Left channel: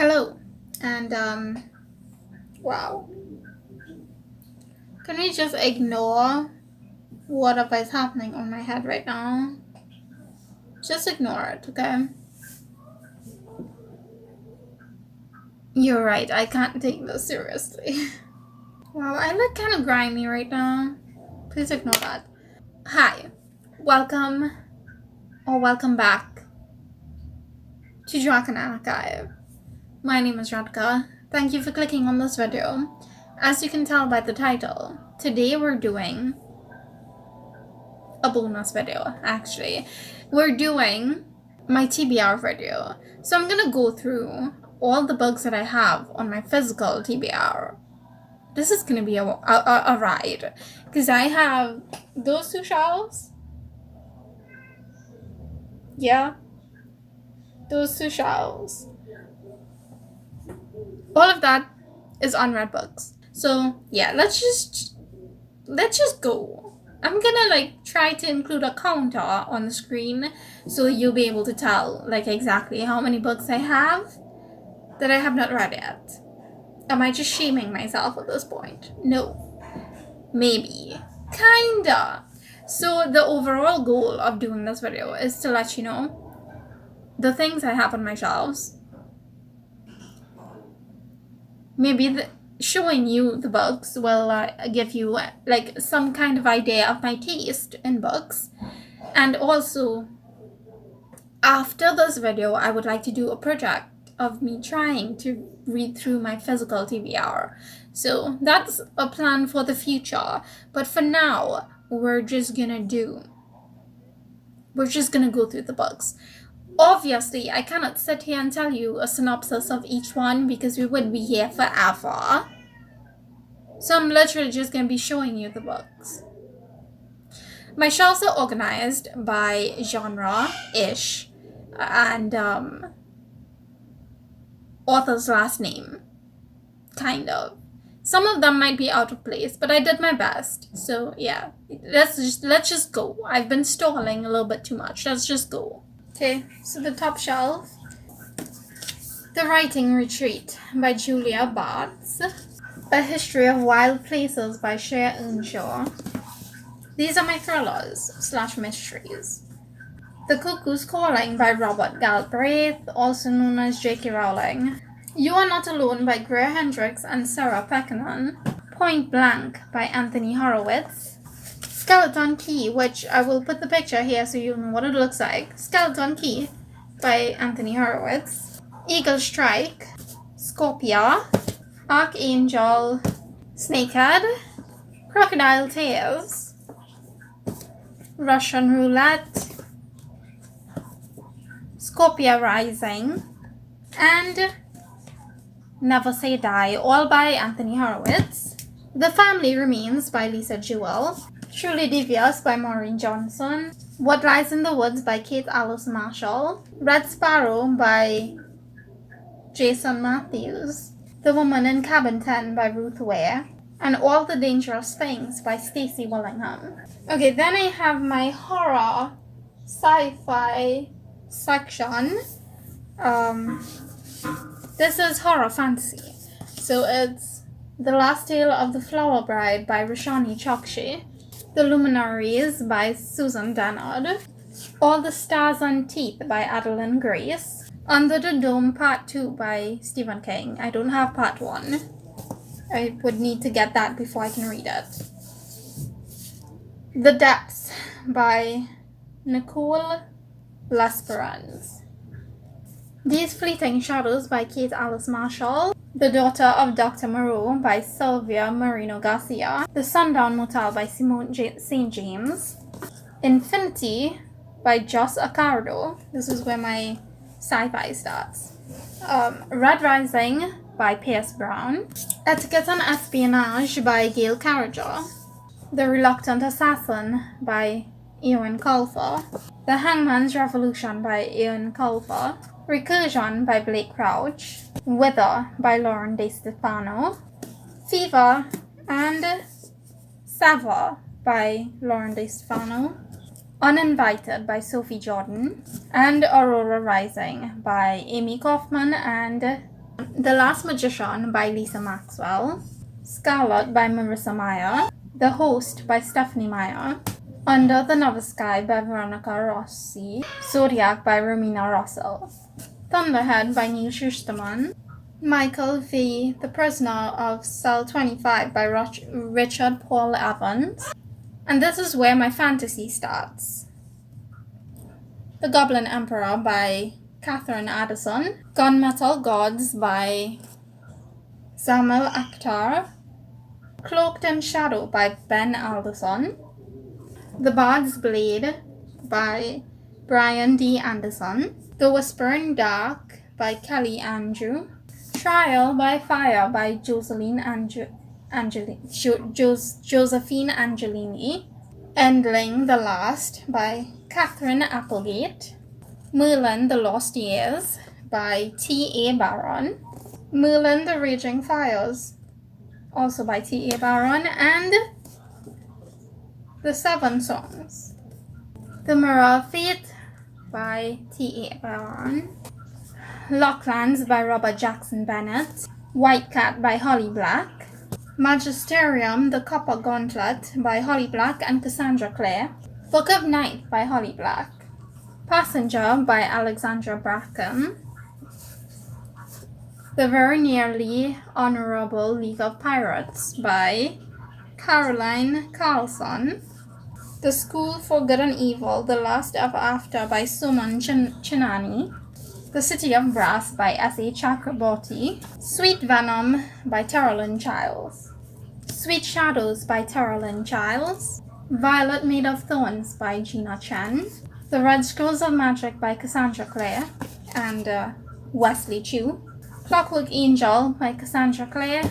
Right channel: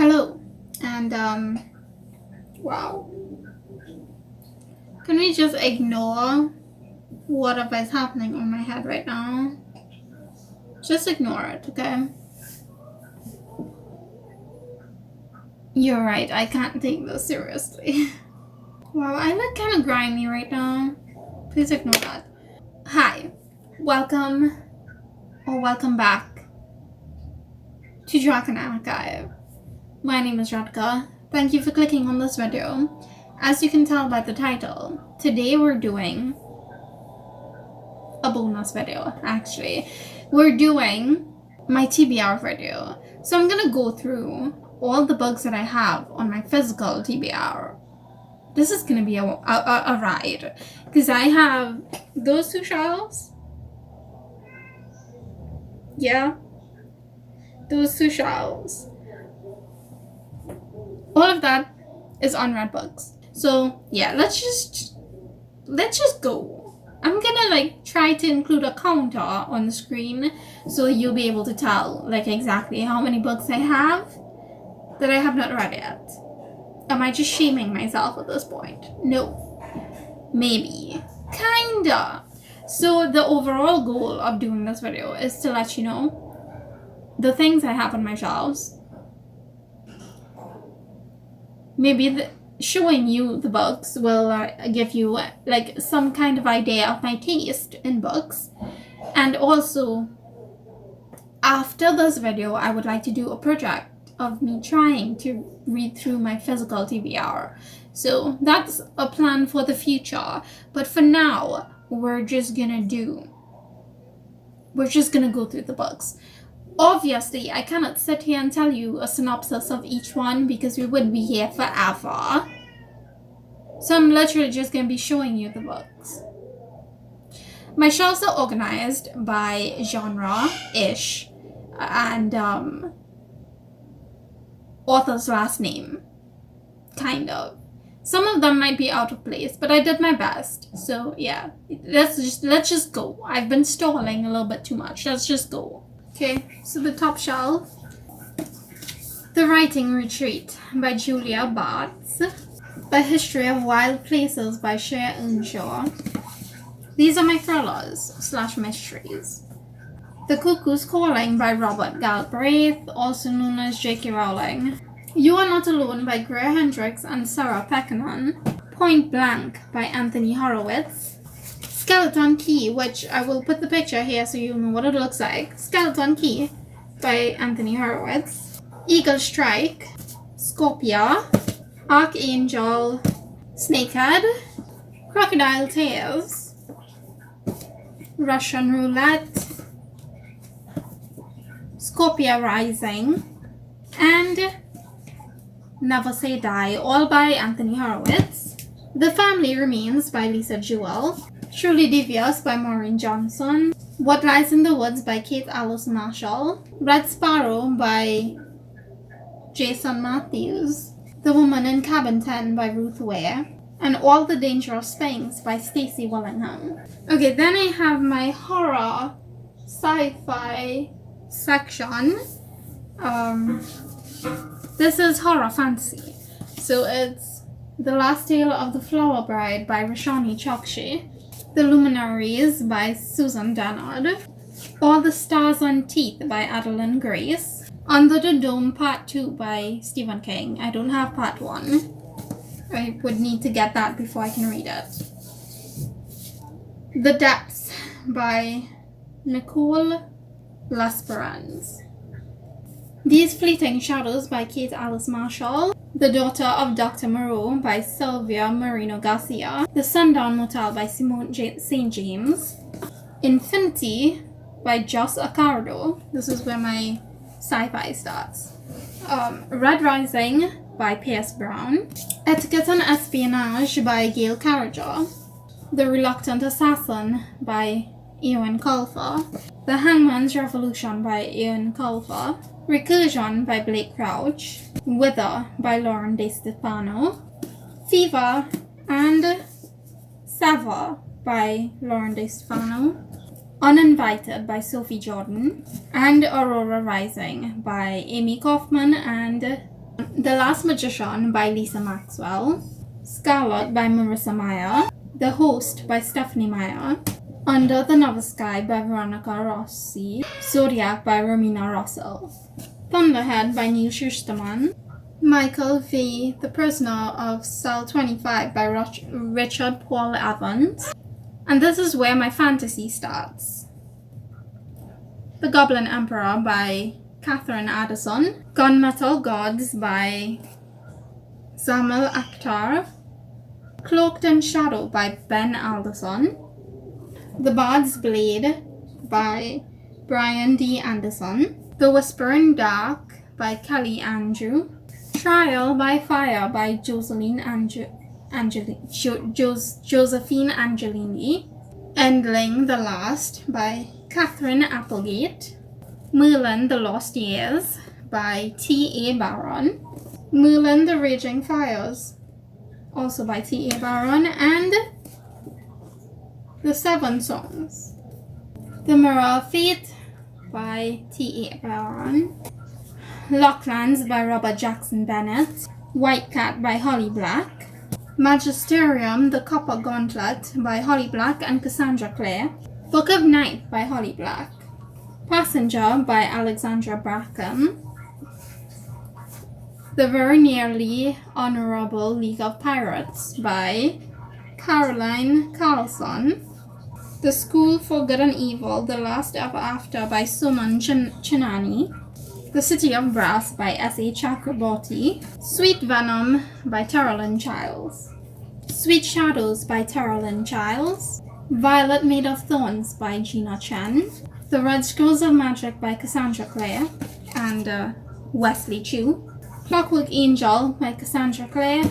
Hello, and wow. Can we just ignore whatever is happening on my head right now? Just ignore it, okay? You're right, I can't take this seriously. Wow, I look kind of grimy right now. Please ignore that. Hi, welcome back to Dragon Archive. My name is Radka. Thank you for clicking on this video. As you can tell by the title, today we're doing a bonus video, actually. We're doing my TBR video. So I'm gonna go through all the books that I have on my physical TBR. This is gonna be a ride, because I have those two shelves. Yeah, those two shelves. All of that is unread books. So yeah, let's just go. I'm gonna try to include a counter on the screen so you'll be able to tell exactly how many books I have that I have not read yet. Am I just shaming myself at this point? No. Maybe. Kinda. So the overall goal of doing this video is to let you know the things I have on my shelves. Maybe showing you the books will give you some kind of idea of my taste in books. And also, after this video, I would like to do a project of me trying to read through my physical TBR. So that's a plan for the future. But for now, we're just gonna go through the books. Obviously, I cannot sit here and tell you a synopsis of each one because we would be here forever. So I'm literally just going to be showing you the books. My shelves are organized by genre-ish and author's last name, kind of. Some of them might be out of place, but I did my best. So yeah, let's just go. I've been stalling a little bit too much. Let's just go. Okay, so the top shelf, The Writing Retreat by Julia Bartz, A History of Wild Places by Shea Earnshaw. These are my thrillers / mysteries. The Cuckoo's Calling by Robert Galbraith, also known as J.K. Rowling. You Are Not Alone by Greer Hendricks and Sarah Pekkanen. Point Blank by Anthony Horowitz. Skeleton Key, which I will put the picture here so you know what it looks like. Skeleton Key by Anthony Horowitz. Eagle Strike, Scorpia, Archangel, Snakehead, Crocodile Tears, Russian Roulette, Scorpia Rising, and Never Say Die, all by Anthony Horowitz. The Family Remains by Lisa Jewell. Truly Devious by Maureen Johnson. What Lies in the Woods by Kate Alice Marshall. Red Sparrow by Jason Matthews. The Woman in Cabin 10 by Ruth Ware. And All the Dangerous Things by Stacey Willingham. Okay, then I have my horror sci-fi section. This is horror fantasy. So it's The Last Tale of the Flower Bride by Roshani Chokshi. The Luminaries by Susan Dennard. All the Stars and Teeth by Adeline Grace. Under the Dome Part 2 by Stephen King. I don't have Part 1. I would need to get that before I can read it. The Depths by Nicole L'Esperance. These Fleeting Shadows by Kate Alice Marshall. The Daughter of Dr. Moreau by Sylvia Marino Garcia. The Sundown Motel by Simone St. James. Infinity by Joss Accardo. This is where my sci-fi starts. Red Rising by Pierce Brown. Etiquette and Espionage by Gail Carriger. The Reluctant Assassin by Ewan Colfer. The Hangman's Revolution by Ewan Colfer. Recursion by Blake Crouch. Wither by Lauren De Stefano. Fever and Sava by Lauren De Stefano. Uninvited by Sophie Jordan. And Aurora Rising by Amy Kaufman and The Last Magician by Lisa Maxwell, Scarlet by Marissa Meyer, The Host by Stephanie Meyer, Under the Novice Sky by Veronica Rossi, Zodiac by Romina Russell, Thunderhead by Neil Schusterman, Michael V. The Prisoner of Cell 25 by Richard Paul Evans. And this is where my fantasy starts. The Goblin Emperor by Catherine Addison, Gunmetal Gods by Samuel Akhtar, Cloaked in Shadow by Ben Alderson, The Bard's Blade by Brian D. Anderson, The Whispering Dark by Kelly Andrew, Trial by Fire by Josephine Angelini, Endling the Last by Catherine Applegate, Merlin the Lost Years by T.A. Barron, Merlin the Raging Fires, also by T.A. Barron, and The Seven Songs, The Mirror of Fate by T.A. Barron, Locklands by Robert Jackson Bennett, White Cat by Holly Black, Magisterium the Copper Gauntlet by Holly Black and Cassandra Clare, Book of Night by Holly Black, Passenger by Alexandra Bracken, The Very Nearly Honorable League of Pirates by Caroline Carlson, The School for Good and Evil, The Last Ever After by Suman Chinani, The City of Brass by S.A. Chakraborty, Sweet Venom by Terrellyn Childs, Sweet Shadows by Terrellyn Childs, Violet Made of Thorns by Gina Chen, The Red Scrolls of Magic by Cassandra Clare and Wesley Chu, Clockwork Angel by Cassandra Clare,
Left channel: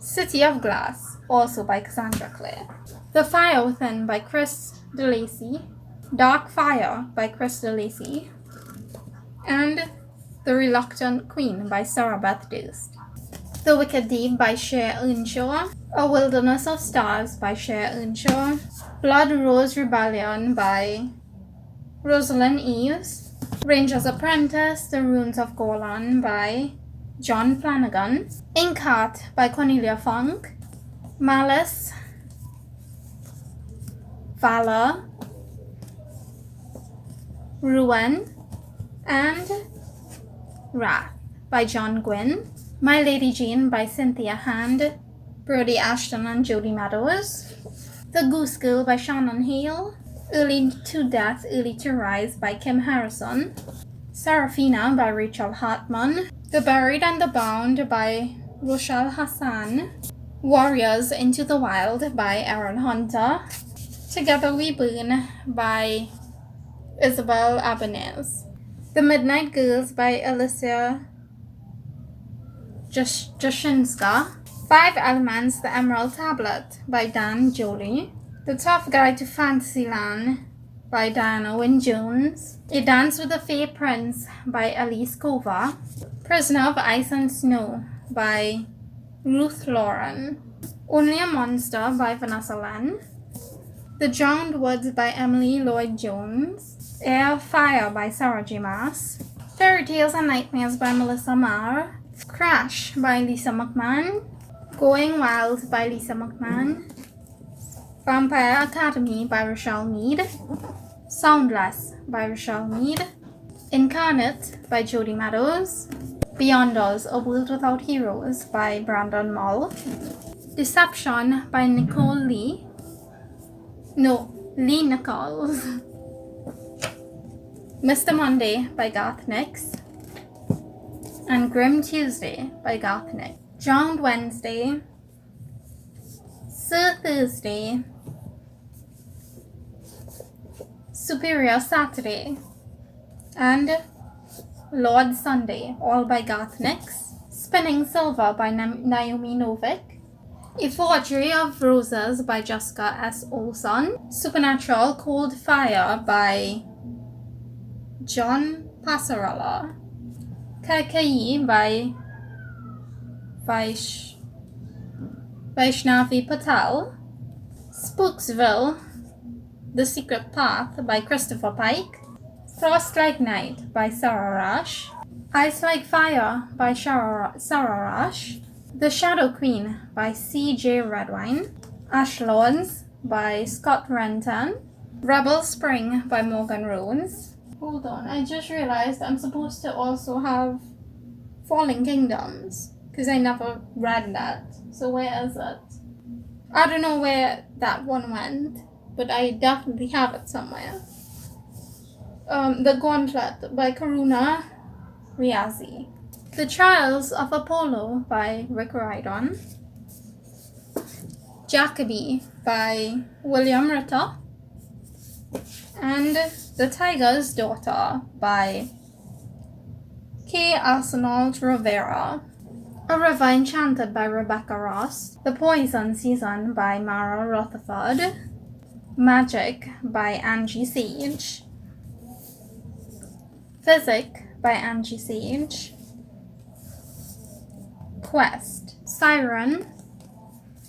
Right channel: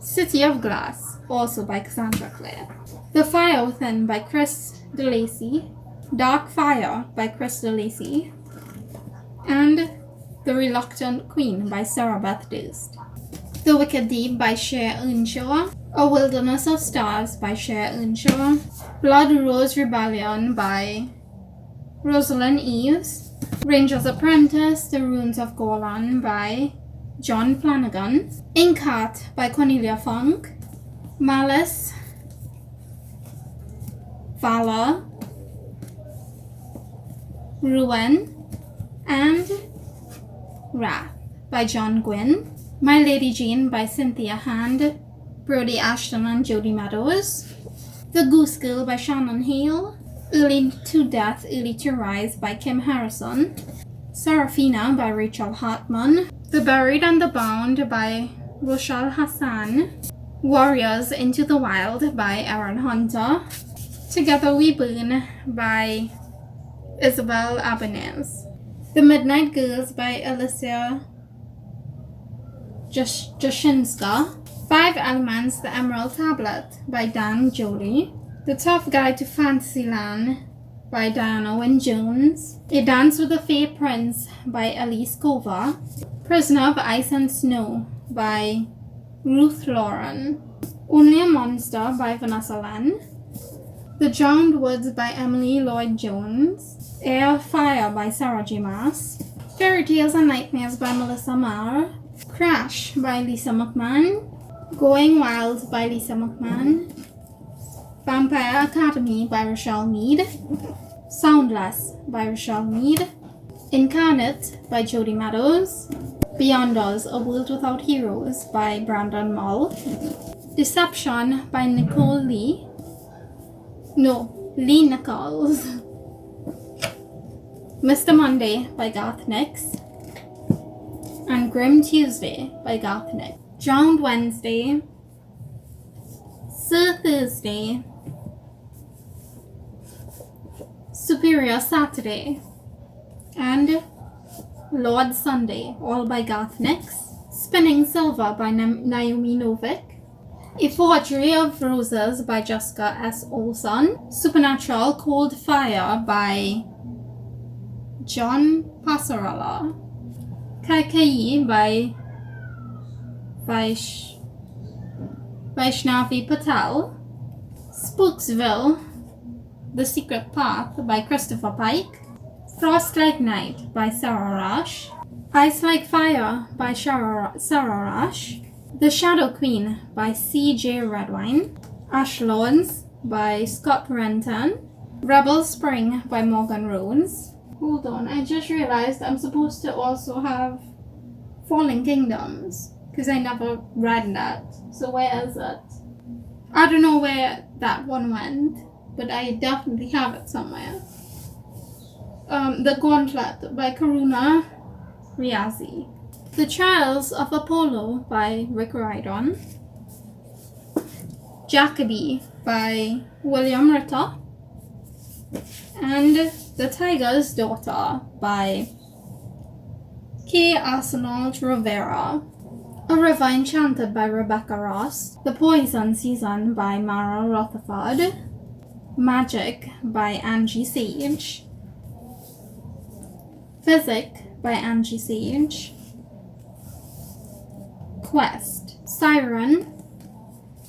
City of Glass, also by Cassandra Clare, The Fire Within by Chris DeLacy, Dark Fire by Chris DeLacy, and The Reluctant Queen by Sarah Beth Durst, The Wicked Deep by Cher Earnshaw, A Wilderness of Stars by Cher Earnshaw, Blood Rose Rebellion by Rosalind Eves, Ranger's Apprentice, The Runes of Golan by John Flanagan, Inkheart by Cornelia Funk, Malice, Valor, Ruin, and Wrath by John Gwynne, My Lady Jane by Cynthia Hand, Brody Ashton and Jody Meadows, The Goose Girl by Shannon Hale, Early to Death, Early to Rise by Kim Harrison, Serafina by Rachel Hartman, The Buried and the Bound by Rochelle Hassan, Warriors Into the Wild by Aaron Hunter, Together We Burn by Isabel Abanez, The Midnight Girls by Alicia Jashinska, 5 Elements, The Emerald Tablet by Dan Jolie, The Tough Guide to Fantasyland by Diana Wynne Jones, A Dance with the Fae Prince by Elise Kova, Prisoner of Ice and Snow by Ruth Lauren, Only a Monster by Vanessa Len, The Drowned Woods by Emily Lloyd Jones, Air Fire by Sarah J. Maas, Fairy Tales and Nightmares by Melissa Marr, Crash by Lisa McMahon, Going Wild by Lisa McMahon, Vampire Academy by Rochelle Mead, Soundless by Rochelle Mead, Incarnate by Jody Meadows, Beyond Us, A World Without Heroes by Brandon Mull, Deception by Lee Nichols, Mr. Monday by Garth Nix, and Grim Tuesday by Garth Nix, Drowned Wednesday, Sir Thursday, Superior Saturday, and Lord Sunday, all by Garth Nix, Spinning Silver by Naomi Novik, A Forgery of Roses by Jessica S. Olson, Supernatural Cold Fire by John Passarella, Kaikai by Vaishnavi Patel, Spooksville, The Secret Path by Christopher Pike, Frost Like Night by Sarah Rush, Ice Like Fire by Sararash, The Shadow Queen by C.J. Redwine, Ash Lords by Scott Renton, Rebel Spring by Morgan Rhodes. Hold on, I just realized I'm supposed to also have Falling Kingdoms, because I never read that. So where is it? I don't know where that one went, but I definitely have it somewhere. The Gauntlet by Karuna Riazi. The Trials of Apollo by Rick Riordan. Jacoby by William Ritter. And The Tiger's Daughter by K. Arsenault Rivera. A River Enchanted by Rebecca Ross. The Poison Season by Mara Rutherford. Magic by Angie Sage. Physic by Angie Sage. Quest, Siren,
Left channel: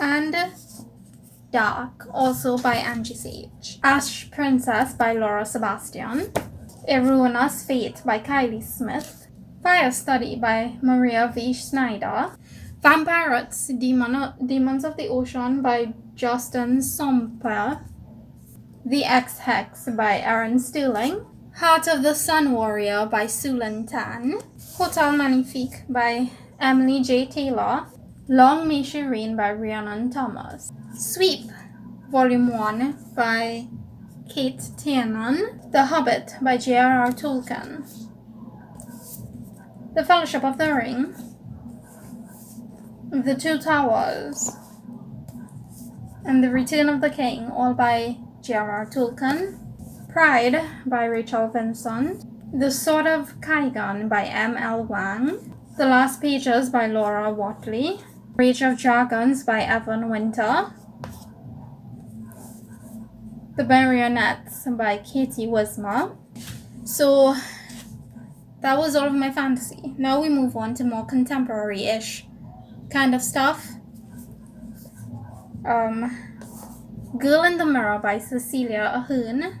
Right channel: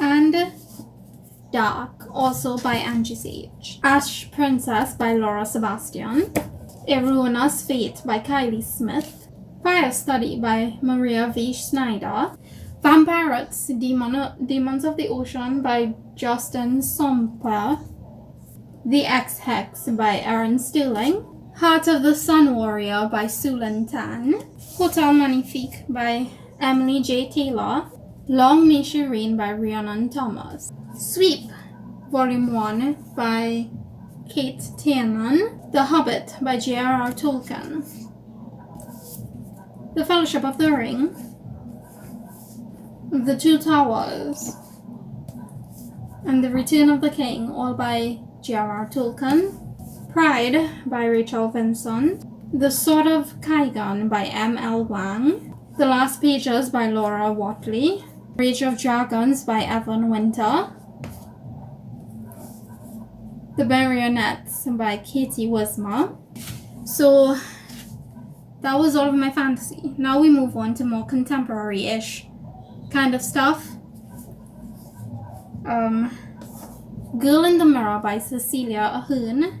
and Dark, also by Angie Sage. Ash Princess by Laura Sebastian. A Ruinous Fate by Kylie Smith. Fire Study by Maria V. Snyder. Vampirates, Demons of the Ocean by Justin Somper. The X-Hex by Erin Sterling. Heart of the Sun Warrior by Sulan Tan. Hotel Magnifique by Emily J. Taylor. Long May She Reign by Rhiannon Thomas. Sweep, Volume 1 by Kate Tiernan. The Hobbit by J.R.R. Tolkien. The Fellowship of the Ring. The Two Towers. And The Return of the King, all by J.R.R. Tolkien. Pride by Rachel Vincent. The Sword of Kaigan by M.L. Wang. The Last Pages by Laura Watley. Rage of Dragons by Evan Winter. The Marionettes by Katie Wismer. So that was all of my fantasy. Now we move on to more contemporary-ish kind of stuff. Girl in the Mirror by Cecilia Ahern.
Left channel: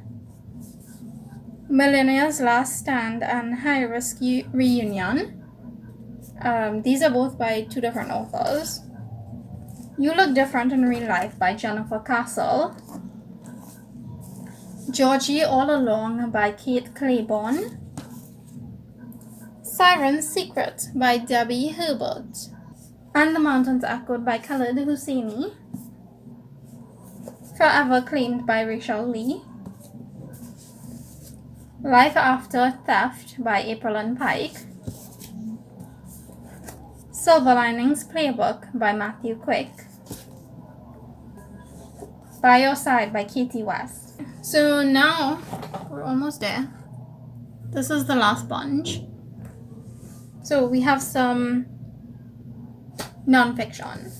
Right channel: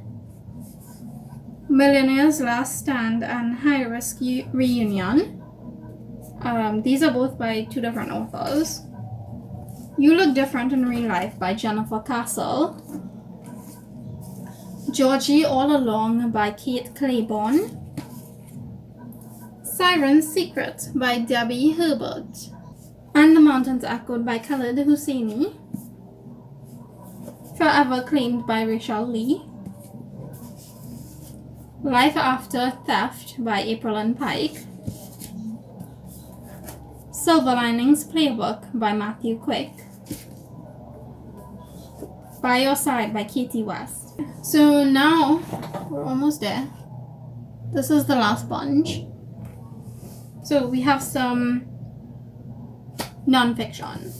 Millionaire's Last Stand and High Risk Reunion. These are both by two different authors. You Look Different in Real Life by Jennifer Castle. Georgie All Along by Kate Claiborne. Siren's Secret by Debbie Herbert. And The Mountains Echoed by Khaled Hosseini. Forever Claimed by Rachel Lee. Life After Theft by April and Pike. Silver Linings Playbook by Matthew Quick. By Your Side by Katie West. So now we're almost there. This is the last bunch. So we have some non-fiction.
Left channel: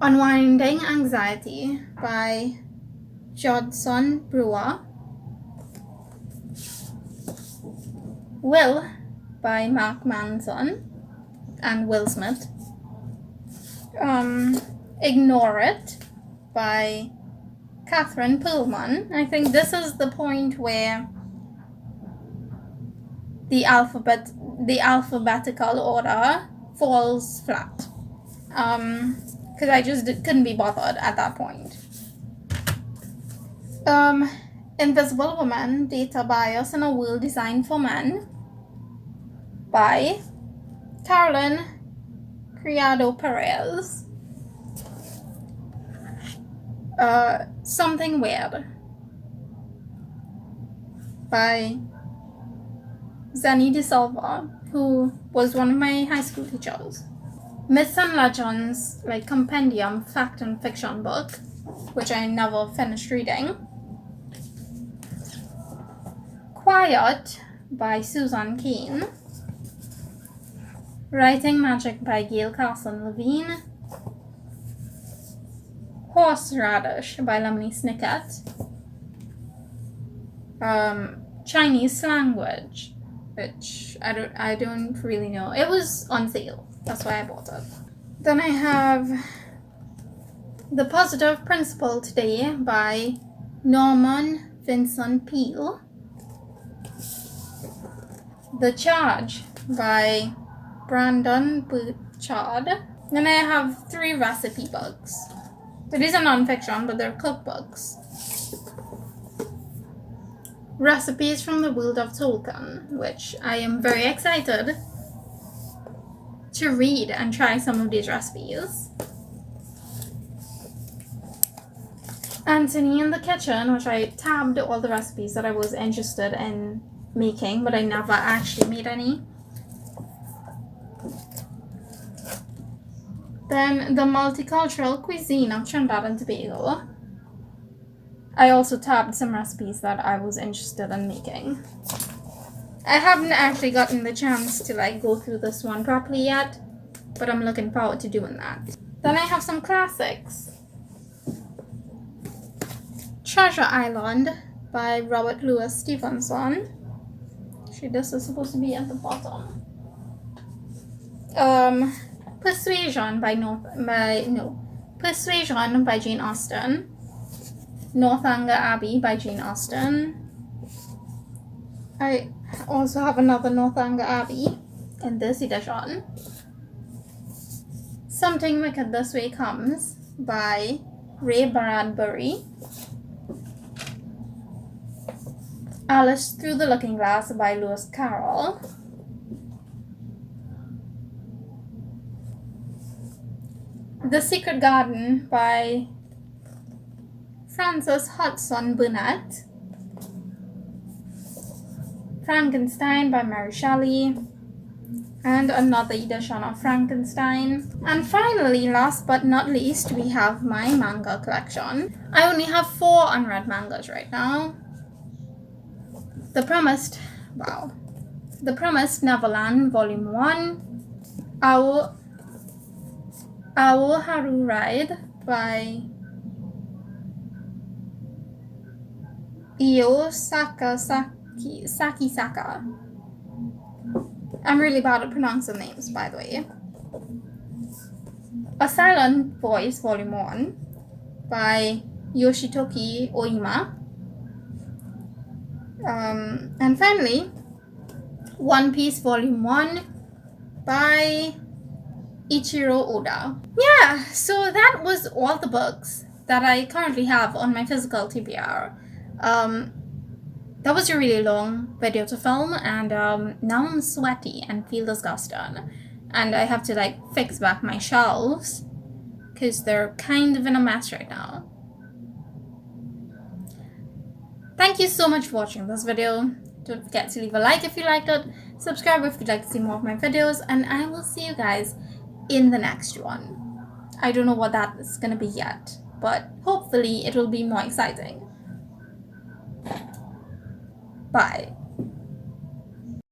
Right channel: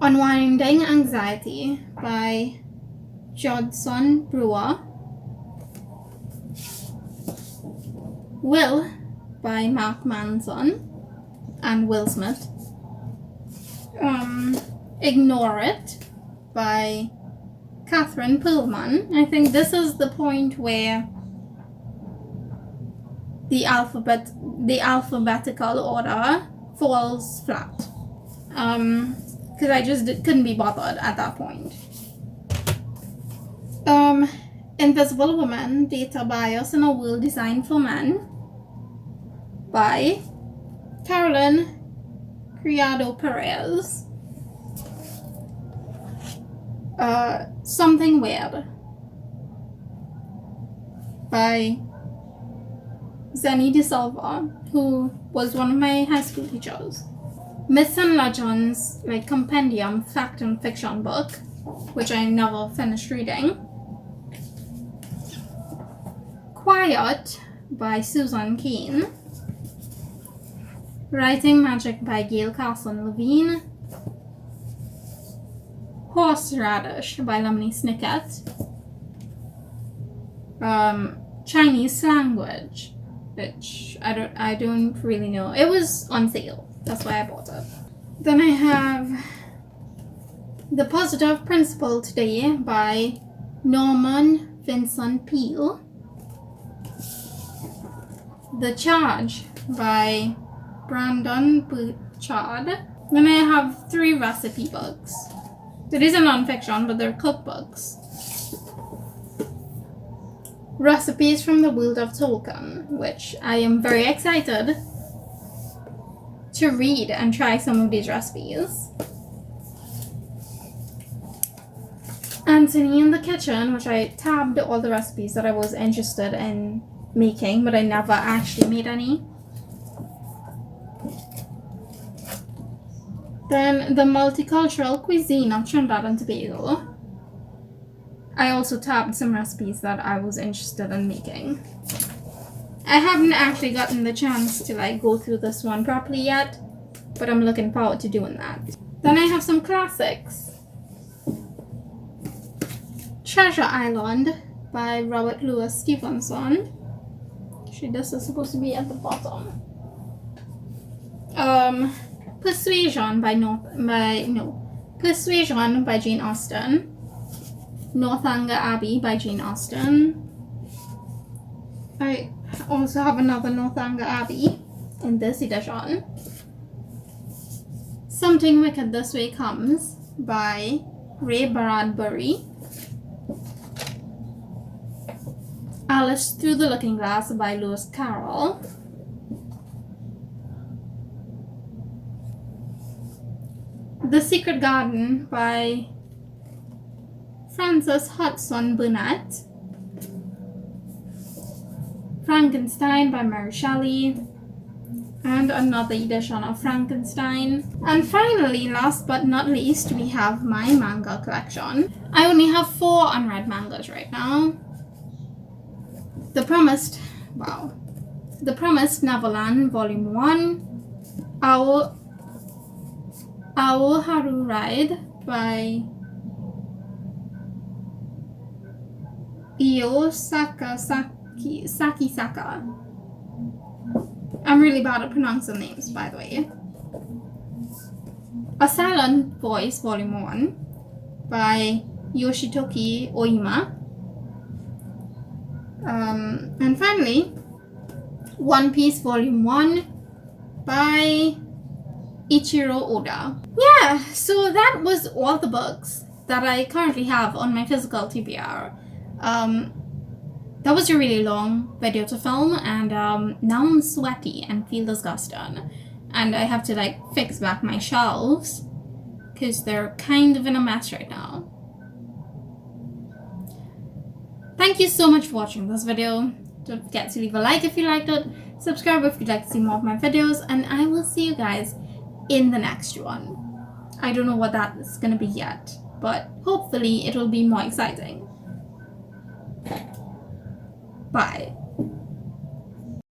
Unwinding Anxiety by Jodson Brewer. Will by Mark Manson and Will Smith. Ignore It by Catherine Perlman. I think this is the point where the alphabetical order falls flat. Because I just couldn't be bothered at that point. Invisible Woman, Data Bias in a World Designed for Men by Carolyn Criado Perez. Something Weird by Zenny De Silva, who was one of my high school teachers. Myths and Legends, like compendium fact and fiction book, which I never finished reading. Quiet by Susan Cain. Writing Magic by Gail Carson Levine. Horseradish by Lemony Snicket. Chinese Language, which I don't really know. It was on sale. That's why I bought it. Then I have The Positive Principle Today by Norman Vincent Peale. The Charge by Brandon Bouchard. And I have 3 recipe books. So these are non-fiction, but they're cookbooks. Recipes from the World of Tolkien, which I am very excited to read and try some of these recipes. Anthony in the Kitchen, which I tabbed all the recipes that I was interested in making, but I never actually made any. Then The Multicultural Cuisine of Trinidad and Tobago. I also tabbed some recipes that I was interested in making. I haven't actually gotten the chance to go through this one properly yet, but I'm looking forward to doing that. Then I have some classics. Treasure Island by Robert Louis Stevenson. Actually, this is supposed to be at the bottom. Persuasion by Jane Austen. Northanger Abbey by Jane Austen. I also have another Northanger Abbey in this edition. Something Wicked This Way Comes by Ray Bradbury. Alice Through the Looking Glass by Lewis Carroll. The Secret Garden by Frances Hodgson Burnett. Frankenstein by Mary Shelley. And another edition of Frankenstein. And finally, last but not least, we have my manga collection. I only have 4 unread mangas right now. The Promised Neverland Volume 1, Our Haru Ride by Io Sakisaka. I'm really bad at pronouncing names, by the way. A Silent Voice Volume 1 by Yoshitoki Oima. And finally, One Piece Volume 1 by Ichiro Oda. Yeah, so that was all the books that I currently have on my physical TBR. That was a really long video to film, and now I'm sweaty and feel disgusting. And I have to fix back my shelves because they're kind of in a mess right now. Thank you so much for watching this video. Don't forget to leave a like if you liked it, subscribe if you'd like to see more of my videos, and I will see you guys in the next one. I don't know what that is going to be yet, but hopefully it will be more exciting. Bye.